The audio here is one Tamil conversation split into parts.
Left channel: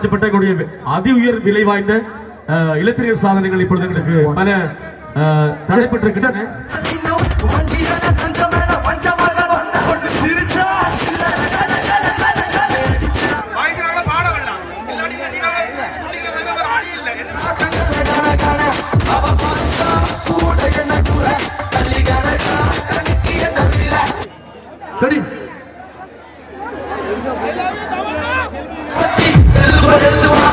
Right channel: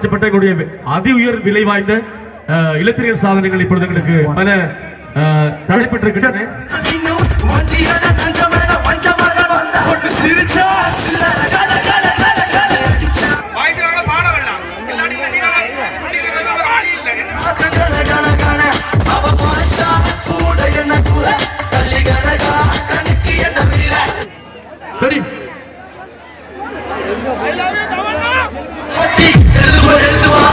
காட்சிப்பட்ட அதி உயர் விலை வாய்ந்த இலத்திரியல் சாதனங்கள் இப்பொழுது எங்களுக்கு பல தடைப்பட்டிருக்கின்றன Ready? Where do I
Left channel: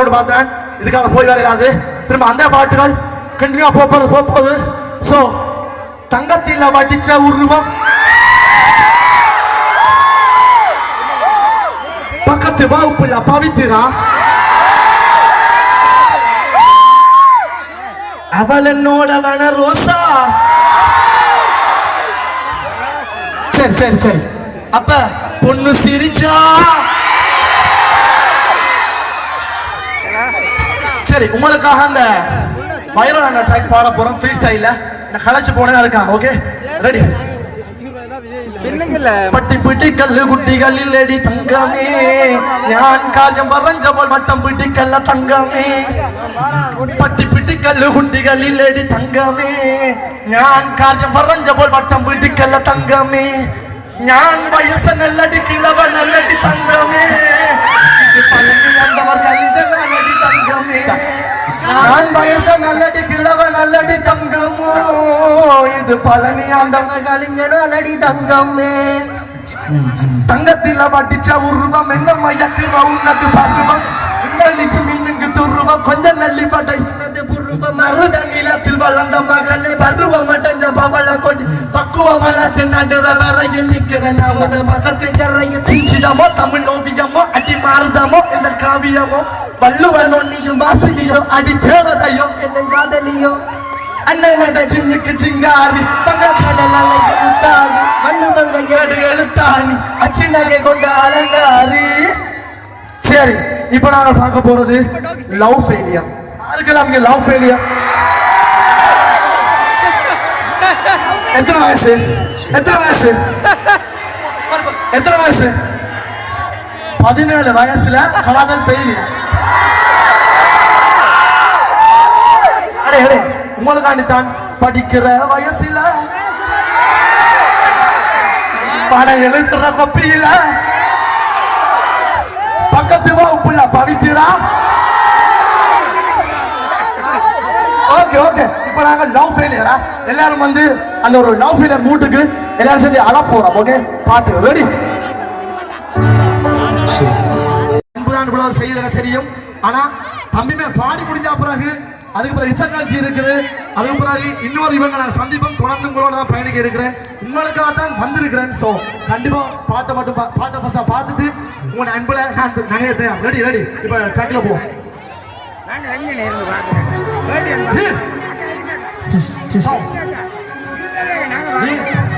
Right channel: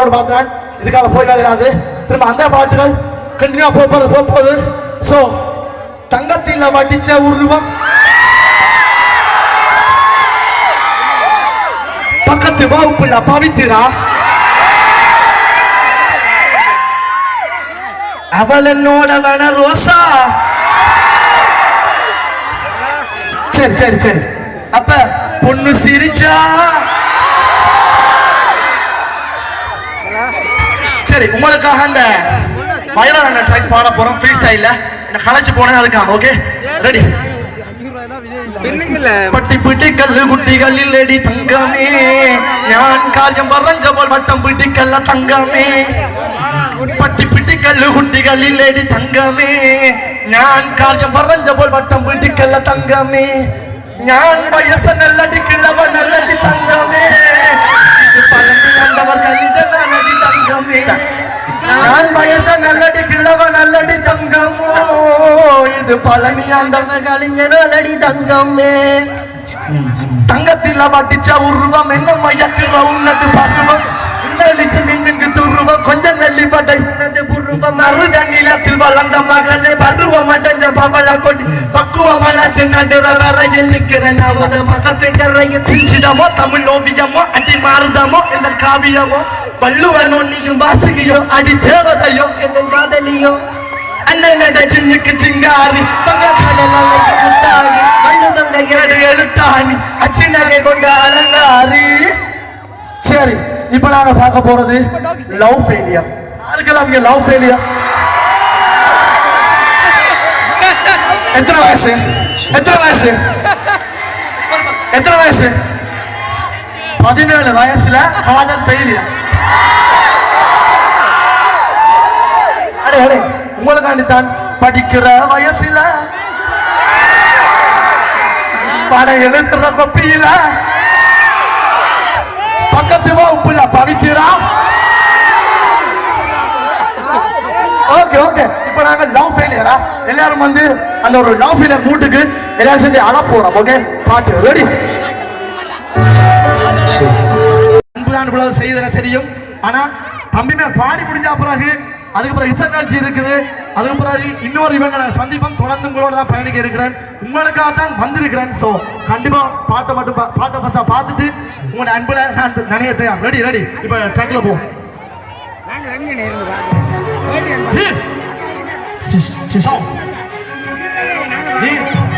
road பார்த்துறான் இதுக்காக போய் வரையாது திரும்ப அந்த பாட்டுகள் கண்டினியூ போகிறது போகுது ஸோ தங்கத்தில் வடிச்ச உருவம் பக்கத்து வகுப்புல பவித்திரா? அவள் என்னோட வேண ரோசா. சரி சரி சரி. அப்ப பொண்ணு சிரிச்சா? சரி உங்களுக்காக அந்த வயலன் அண்ணன் ட்ராக் பாட போறோம் ஃப்ரீ ஸ்டைல்ல என்ன களைச்சு போனது அதுக்காக ஓகே ரெடி பட்டி பிட்டி கல்லு குட்டிகள் இல்லடி தங்கமே. ஞான் காயம் வரைஞ்ச போல் வட்டம் பிட்டி கல்ல தங்கமே. பட்டி பிட்டி கல்லு குட்டிகள் இல்லடி தங்கமே. ஞான் காயம் வரைஞ்ச போல் வட்டம் பிட்டி கல்ல தங்கமே. ஞான் வயச நல்லடி கிழவ நல்லடி சந்தமே இது பழனி ஆண்டவர் கழித நல்லடி தங்கமே ஞான் வயச நல்லடி கிழவ நல்லடி தங்கமோ இது பழனி ஆண்டவர் கழிஞ்ச நல்லடி தங்கமே தங்கத்தில் வட்டிச்ச உருவம் என்ன மயக்குற உன்னது பருவம் இன்னலிக்கு மின்ன பூர்வம் கொஞ்சம் நெல்லிப்பட்டை பூர்வம். மருத நிலத்தில் வளர்ந்த மகளே பருவம் அடைஞ்ச பவள கொடி. பக்குவமான நடுவரையில் நிற்கிற நான் மகத்து கரையும் சிச்சிதமோ தமிழ் ஓவியமோ அடி மாறுதமோ இந்த காவியமோ வள்ளுவன் ஒன்னியும் வாசகியோ அடி தேவதையோ இந்த காதலியோ. அண்ணன் சின்னுக்கு சிங்காரி பங்க கடலாக முத்தாரி ஏடு எழுத்தாணி அச்சின்னகை கொண்ட அரங்காரி சரி. இப்போ நாங்க பார்க்க போறது லவ் ஃபெயிலியர் யாருக்கெல்லாம் இங்க லவ் ஃபெயிலியர் எத்தனை வயசு? எத்தனை வயசு? எத்தனை வயசு? பதினேழு வயசுல காதல் ஃபெயிலியர் அடே அடே உங்களுக்காண்டித்தான் படிக்கிற வயசுல படம் எழுத்துற கொப்பியில பக்கத்துவா உப்புல பவிக்கிறா ஓகே ஓகே. இப்ப நாங்க லவ் ஃபெயிலியரா எல்லாரும் வந்து அந்த ஒரு லவ் ஃபெயிலியர் மூட்டுக்கு எல்லாரும் சேர்ந்து அழ போறோம் ஓகே பாட்டு ரெடி அன்புதான் இவ்வளவு செய்தன தெரியும். ஆனா தம்பிமே பாடி முடிஞ்ச பிறகு அதுக்கு பிறகு இசை நிகழ்ச்சி இருக்குது. அதுக்கு பிறகு இன்னொரு இவங்க நான் சந்திப்போம் தொடர்ந்து உங்களோட தான் பயணிக்க இருக்கிறேன். உங்களுக்காக தான் வந்திருக்கிறேன். ஸோ கண்டிப்பா பாட்டை மட்டும் பா- பாட்டை ஃபர்ஸ்டா பார்த்துட்டு உங்களோட அன்புல நான் நினைய தயார் ரெடி ரெடி இப்போ ட்ராக்ல போ நீயாடா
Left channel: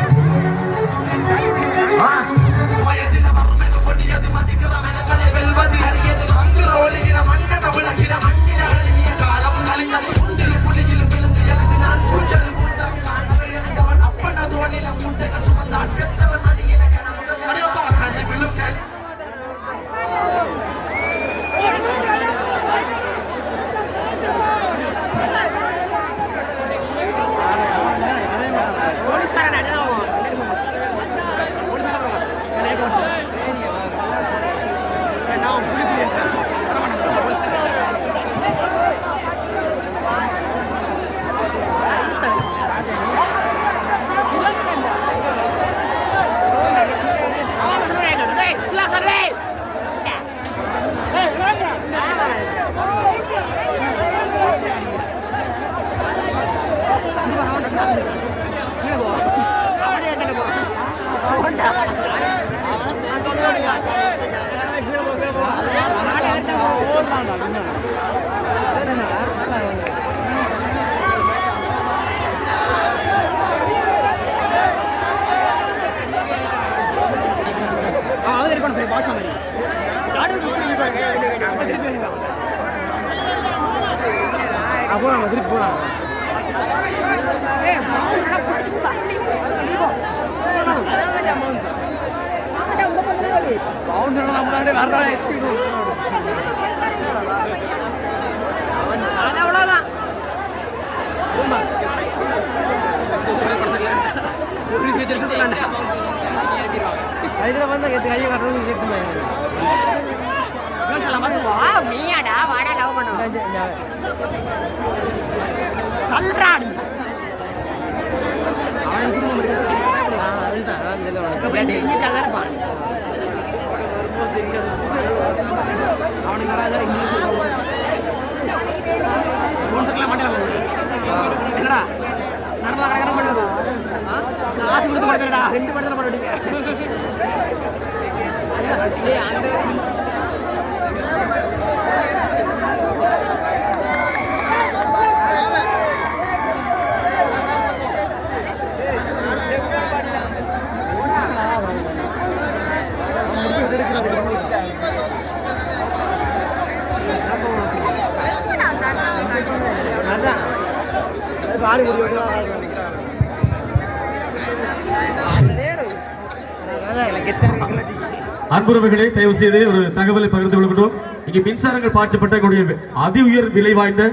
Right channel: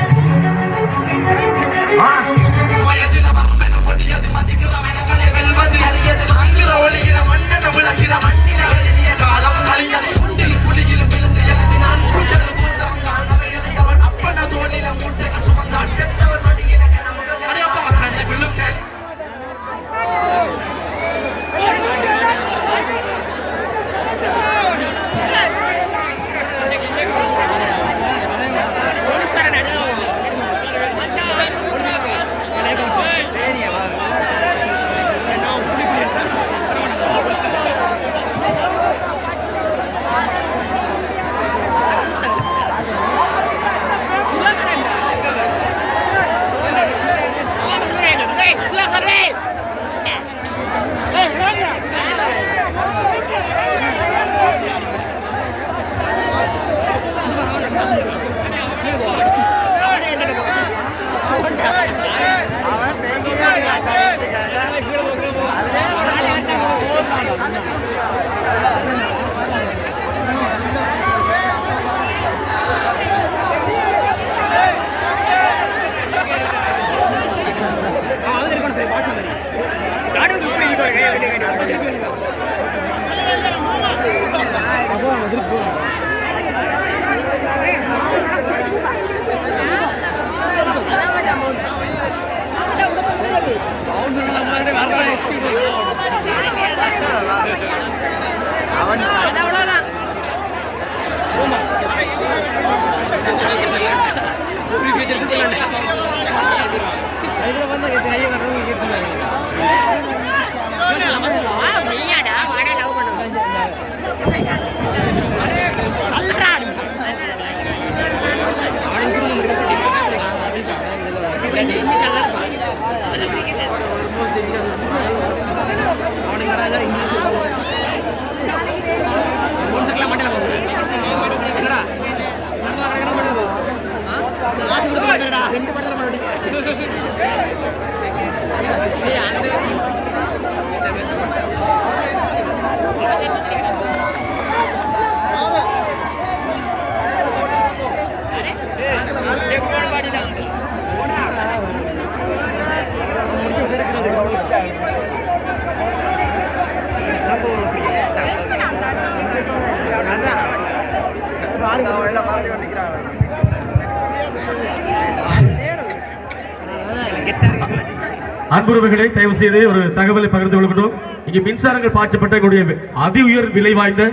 அன்புறவுகளை தயவு செய்து ஒரு தகவலை பகிர்ந்து கொள்கின்றோம். இங்கே மின்சாரங்கள் பாய்ச்சப்பட்ட எங்களுடைய அதி உயர் விலை வாய்ந்த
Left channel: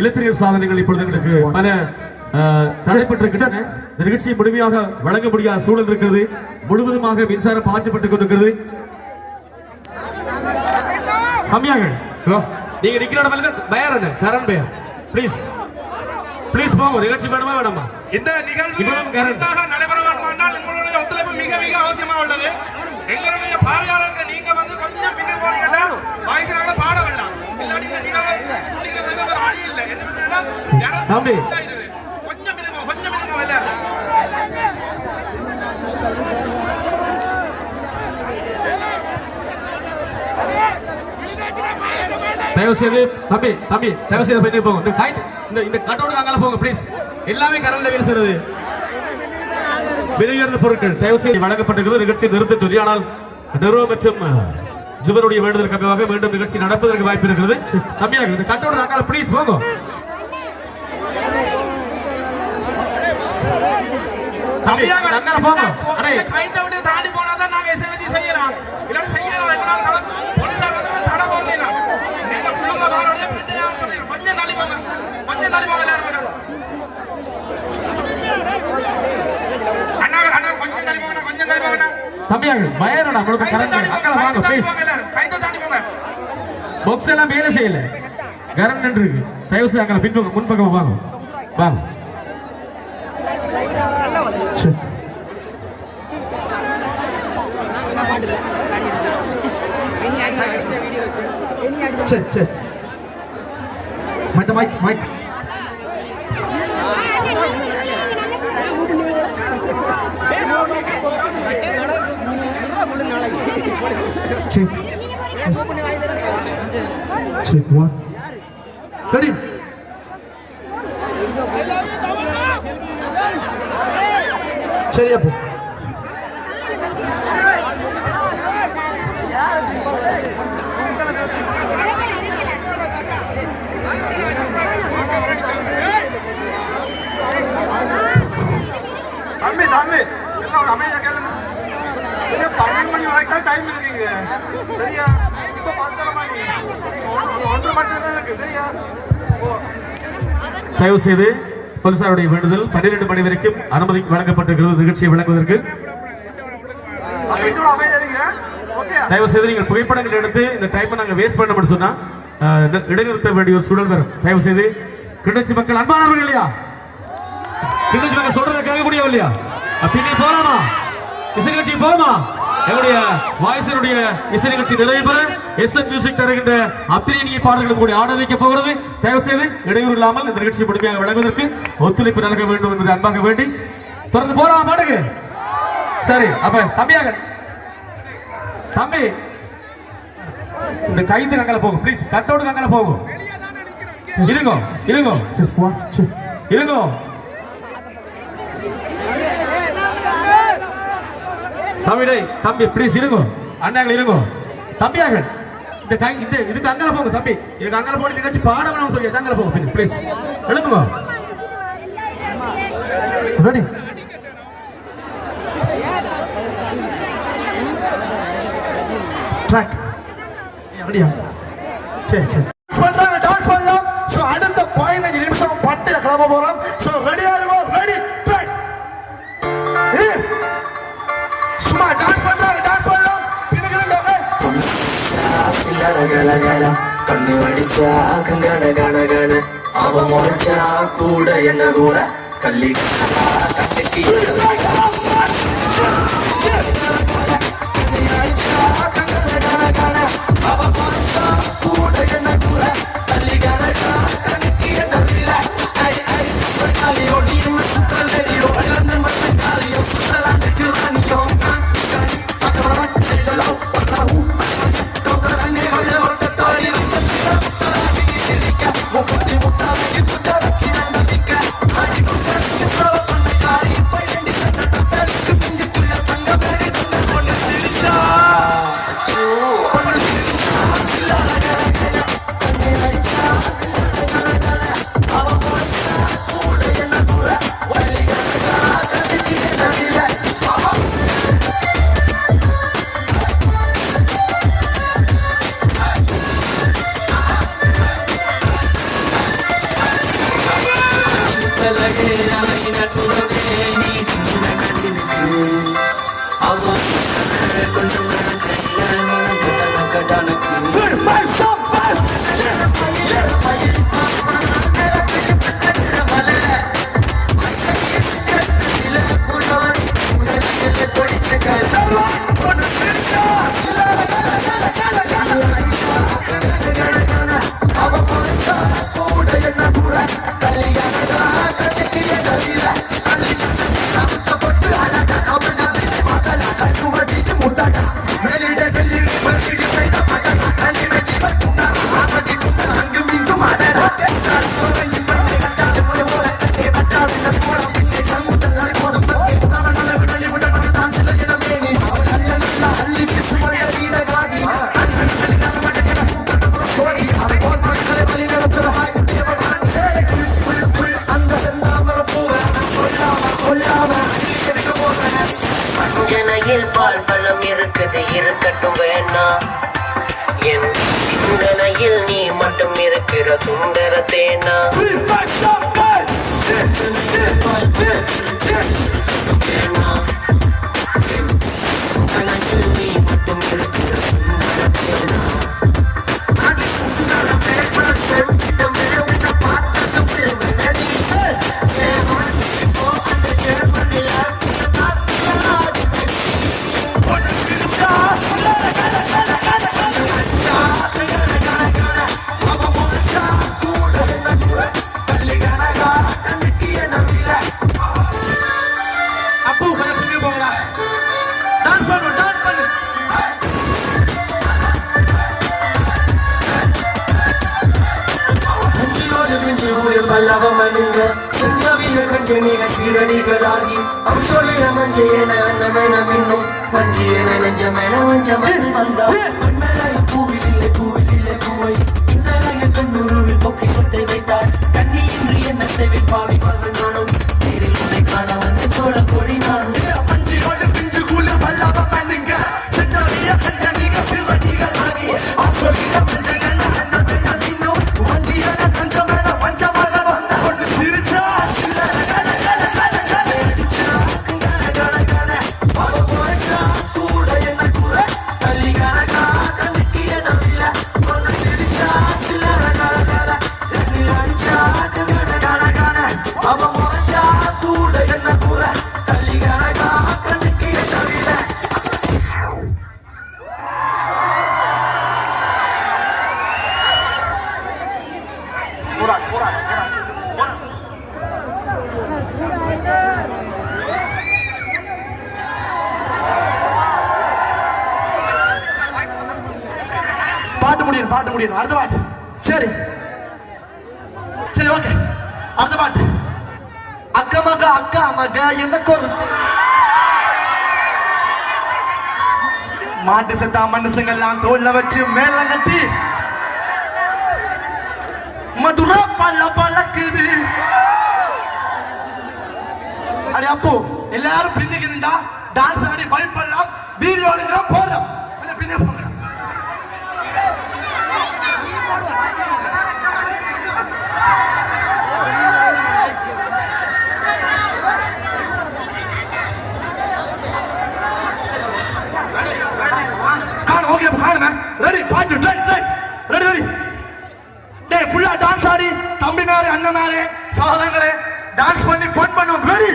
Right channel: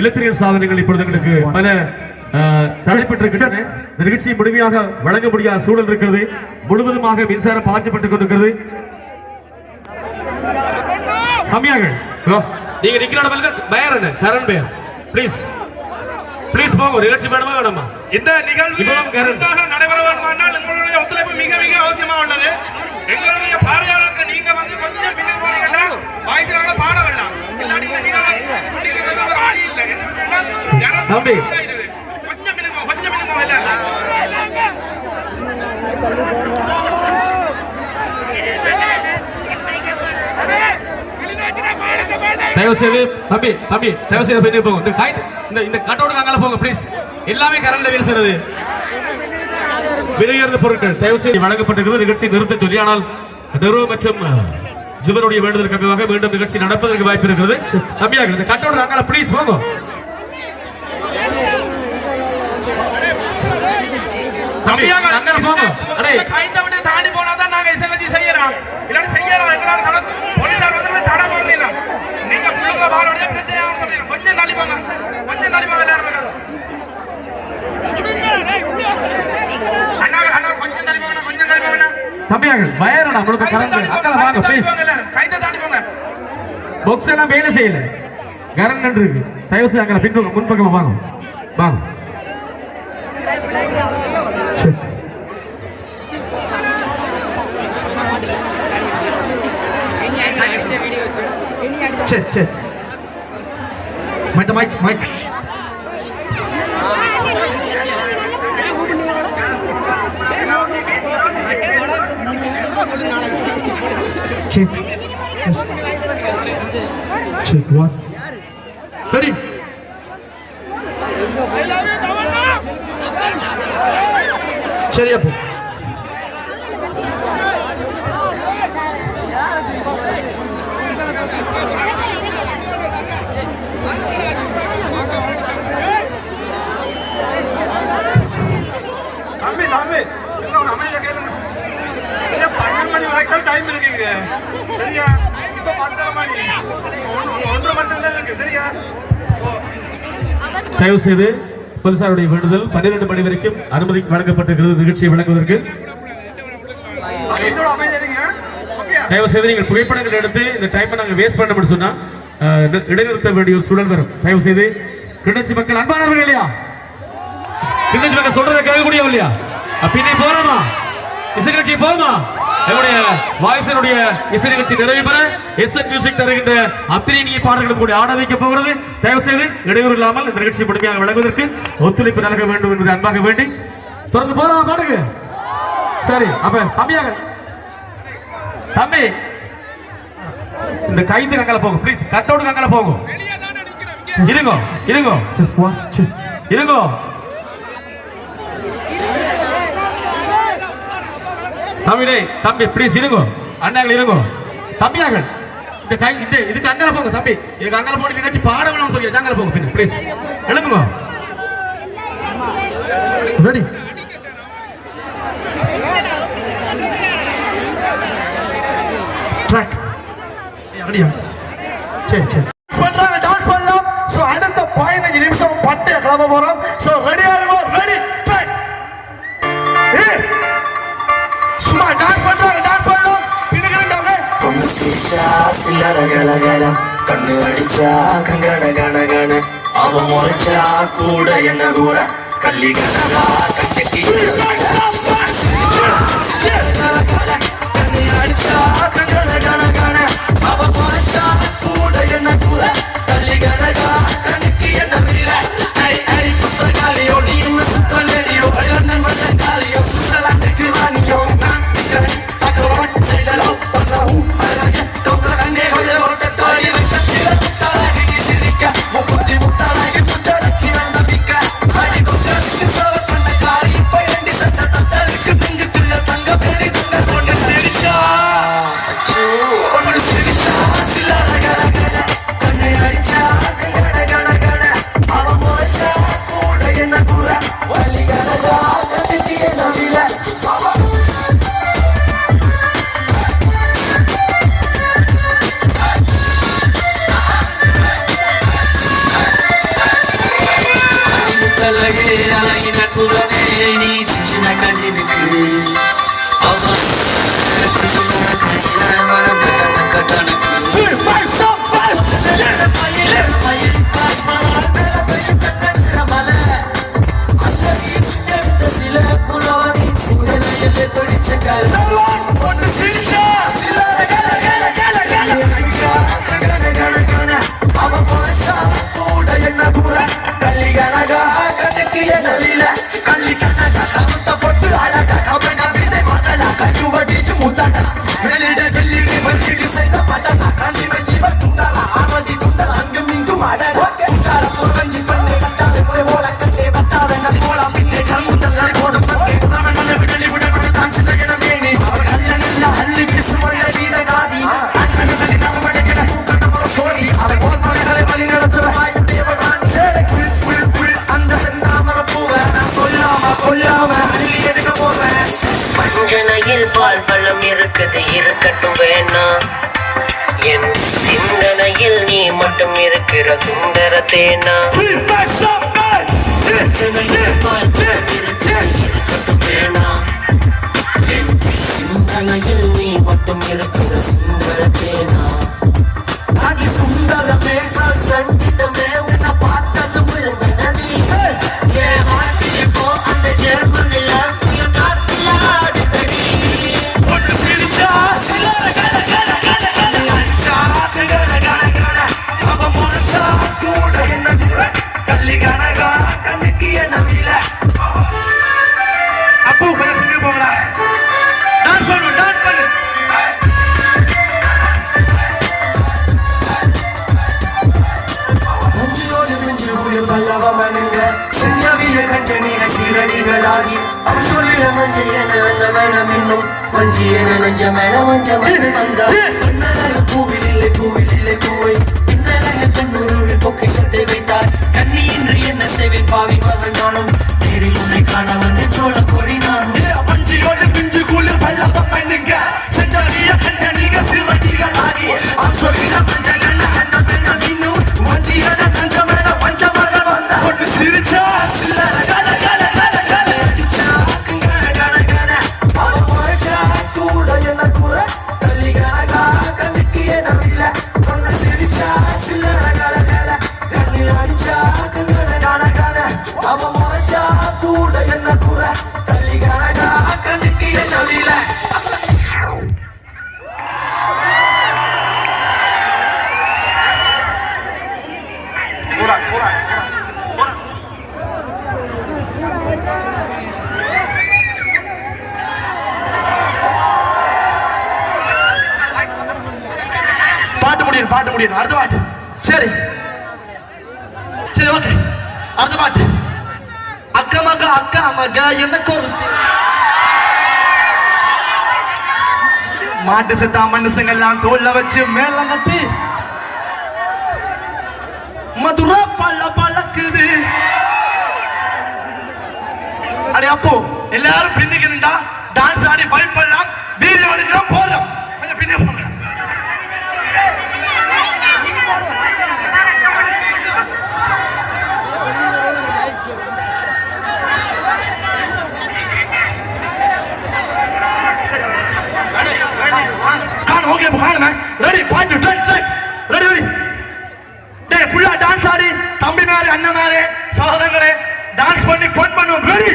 இலத்திரியல் சாதனங்கள் இப்பொழுது எங்களுக்கு பல தடைப்பட்டிருக்கின்றன. இந்த நிகழ்ச்சியை முழுமையாக வழங்க முடியாத சூழல் இருக்கிறது. முழுவதுமாக மின்சாரம் பாய்ச்சப்பட்டுக் கொண்டிருக்கிறது. கம்மியாக. ஹலோ. நீங்க நிக்கிற பயர் என்ன? கரண் பயர். ப்ளீஸ் ப்ளீஸ் போங்க. நிகழ்ச்சி வேணுமா வேணாமா? இந்த நிகழ்வு இவ்வளவு கரண்ட். சிறப்பாக நடைபெற வேண்டுமானால் உங்களுடைய ஒத்துழைப்பு மிக மிக அவசியமா உள்ளது. எங்களுடைய பார்வையாளர்கள் நீங்க வந்து கொஞ்சம் பின்னுக்கு போறீங்கன்னா வாய்ஸ் நாங்க பாட வேண்டாம். இல்லாட்டி ஒரு வழி இல்லை. என்ன தம்பி. கொஞ்சம் மினிமம் கொஞ்சம் மினிமம் இல்ல தயவு செய்து தம்பி தம்பி தயவு செய்து போங்க. இந்த இந்த கட்டோடு அங்கே போங்க ப்ளீஸ் எல்லாமே கரண்ட்ல வேலை செய்யறது விலையுயர்ந்த பொருட்கள் தயவு செய்து வழங்கப்பட்டிருக்கிறது. நிகழ்ச்சி நிறுத்த சொல்லி ஆனால் நிறுவ மற்றும் ஜுவனுடைய வேண்டுதலுக்கு அமைவாக மீண்டும் நிகழ்ச்சி நடப்பதற்கு வாய்ப்பு இருக்கிறது தம்பியாக இந்த கட்டோட அக்கால ப்ளீஸ் போகும் கொஞ்சம் அங்கே போங்க. அடே. இந்த கைத்தை தாண்டி போனாதான் நாங்க எஸ்எல்ஜி செய்யலாம் இல்லாட்டி செய்யலாம் எங்களால தடை போலீசார் வந்து தடை பண்ணலாம் நீங்க நீங்க வார வழியா பிரச்சனை ஆகும் சொல்றீங்க கொஞ்சம் தள்ளி போங்க கொஞ்சம் தள்ளி போங்க எல்லாரும் வாங்க. அண்ணா அண்ணா கொஞ்சம் தள்ளி போங்க கொஞ்சம் தள்ளி தம்பியாக பயரடா உங்களுக்கு கரண்ட் அக்கா வாங்க ப்ளீஸ் கைத்தை தாண்டி போங்க பாக்ஸ் எல்லாம் வேலை செய்யல. கரண்ட் நின்று இருக்கு தயவு செய்து அங்கே பின்பக்கம் முன்பக்கம் வாங்க. வாங்க. சரி. சரி mic mic Check. Check one. Ready? அப்போ தம்பி டைம் இருக்குங்க சரியா? இப்போ பத்தரை மணி. ஒன்று- நேரம் இருக்கு. சரியா? தயவு செய்து போலீசாருடைய வேண்டுதல் பன்னிரண்டு மணி வரைக்கும் அனுமதி வழங்கப்பட்டிருக்கிறது. நிகழ்ச்சியை ஓகே. தயவு செய்து நீங்கள் புகைப்படங்கள் எடுத்து இந்த டைமை நாங்கள் வேஸ்ட் பண்ண முடியும் சொன்னா இடைநிறுத்த வேண்டிய ஒரு சூழல் வரும். தயவு செய்து கிண்ணச்சி மக்கள் அன்பானவர்கள் இல்லையா? கிண்ணச்சி மக்கள் சொல்றதை கேட்கக்கூடிய இல்லையா? பின்னே போலாமா? இசை நிகழ்ச்சி போமா என்னுடைய வாய்ஸினுடைய இசை நிகழ்ச்சி நிறைவு பெற எஸ் என் மியூசிக் தருகின்ற அத்தனை இனிய பாடல்களும் கூட ஆட வைக்க போகிறது. தயவு செய்து இடையூறு இல்லாமல் இந்த நிகழ்ச்சியை முழுமையாக வழங்குவதற்கு ஒத்துழைப்பு நல்க வேண்டும் என்பதை அன்பாக வேண்டி தொடர்ந்து போலாம் பாடுங்க சரி அப்ப தம்பியாக. தம்பி இந்த கைந்து கங்கல போகும். ப்ளீஸ் கட்டோடு கங்கல போகும். இருங்கோ இருங்கோ. இருங்கோ தம்பிடே தம்பி ப்ளீஸ் இருங்கோ. அண்ணாங்கள் இருங்கோ. தம்பியார்கள் இந்த கை இந்த இதுக்கு அங்கே போங்க தம்பி. இதுக்கு அங்கே போய் நிகழ்ச்சி பாட வேணும்னு சொல்லி அங்கே போங்க பின்ன ப்ளீஸ் எழுப்புங்க. ரெடி ட்ராக் ரெடியா சரி சரி. பண்றாங்க டான்ஸ் பண்ணலாம். ஸோ அடுத்த பதினஞ்சு நிமிஷம் பட்டு கிளம்ப போகிறோம் ஸோ ரெடியா சில்லற கல கல கண்ணு அடிச்சா கங்கன கன கன அவ முறைச்சா கூட என்ன கூட கள்ளி கண்ணா கட்டி నిఖిలి కొంచెం కట్టానికి அது இருக்கட்டும் வேணாம் என் சிந்தனையில் நீ மட்டும் இருக்கிற சுந்தர தேனா நீ மட்டும் இருக்கிற மாட்டு செத்தா மனுஷங்க எல்லாம் தோல்ல வச்சு மேல கட்டி மதுரா பல பழக்குது. அடே அப்போ எல்லாரும் பின்னுக்கு இருந்தா டான்ஸ் ஆடி வைப் பண்ணலாம் வீடியோ எடுக்கிறோம் போடுறோம் ரெடி பாட்டு ரெடி ரெடி டே ஃபுல்லா டான்ஸ் ஆடி தம்பிமாரு அண்ணன்மாரு சகோதரங்களே டான்ஸ் பண்ணி ஃபன் பண்ணுவோம். ரெடி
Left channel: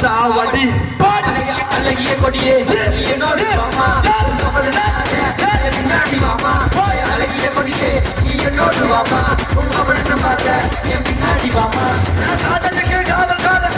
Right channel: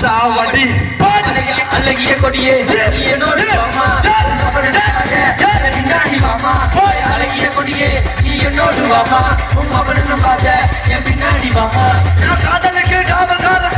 சாவடி அழகிய கொடியே என்னோடு அழகிய கொடியே நீ என்னோடு வாமா உன் அவனுக்கு பார்க்க என் பின்னாடி வாமா நான் காதலுக்கு டாவல் காதல்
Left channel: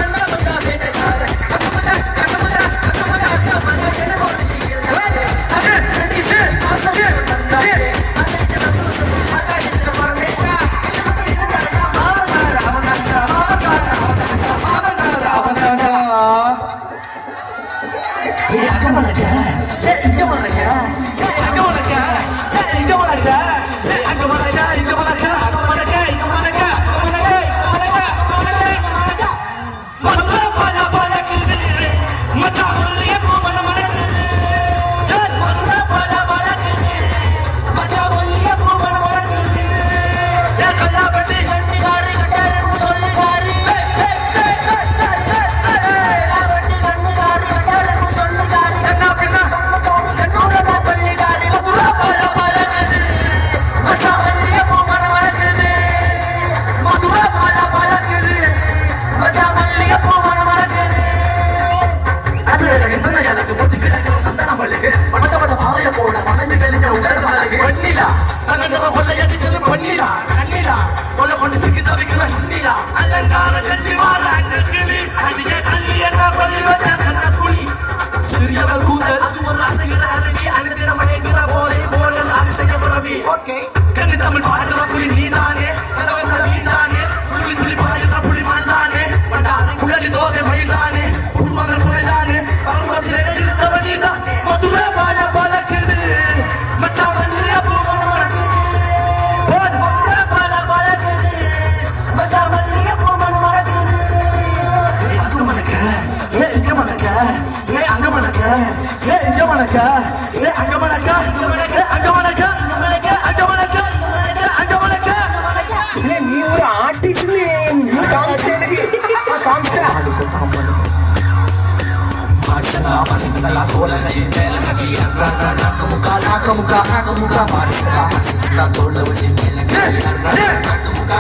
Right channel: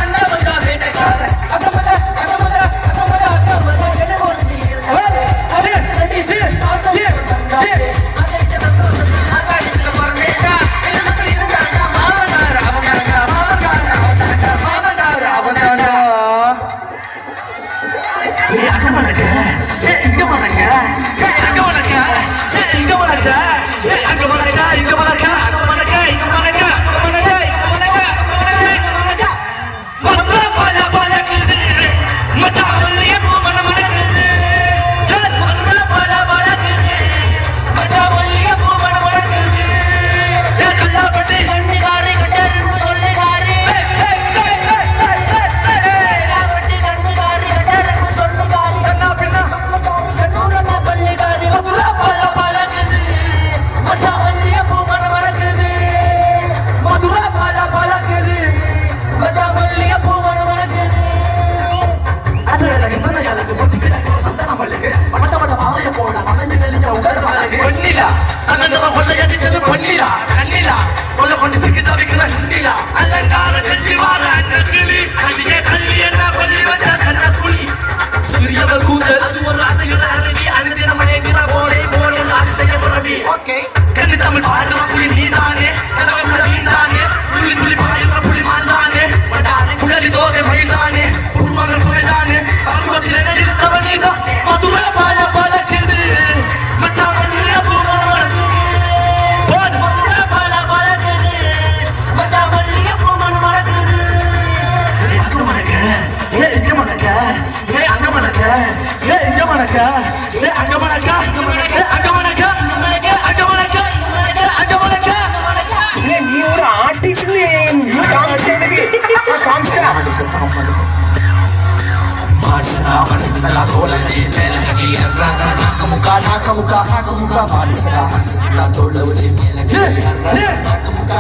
నాకముక నాకముక నాకముక మారుసరా నా తోళ్ళ వచ్చి మేలకి నాకముక